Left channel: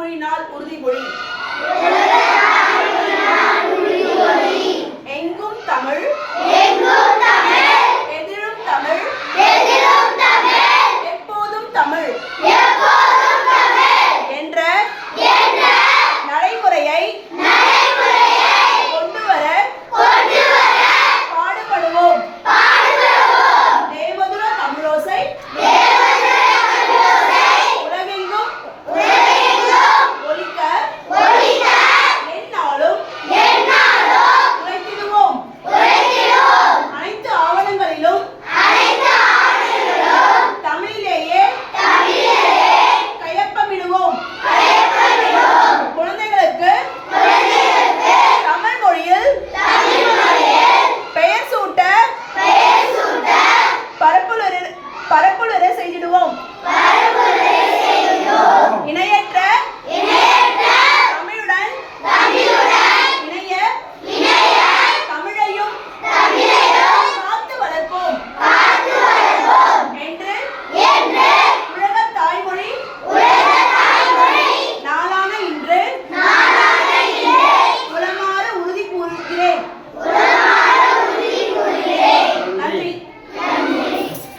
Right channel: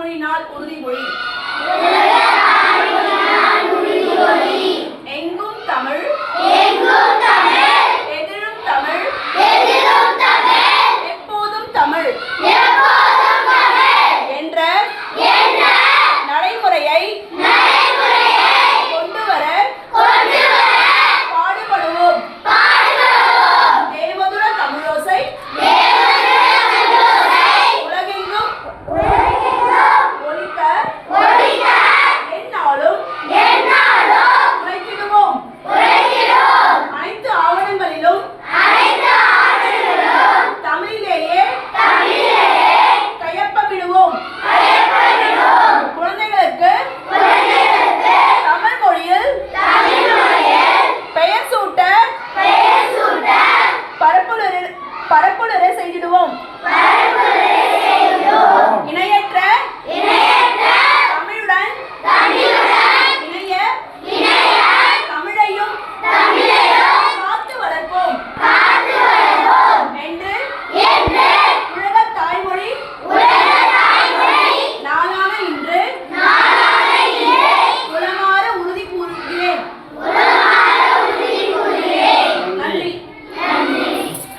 பழமொழி நாள் உறுதிமொழி. பரப்புரை செய்திடுவோம்.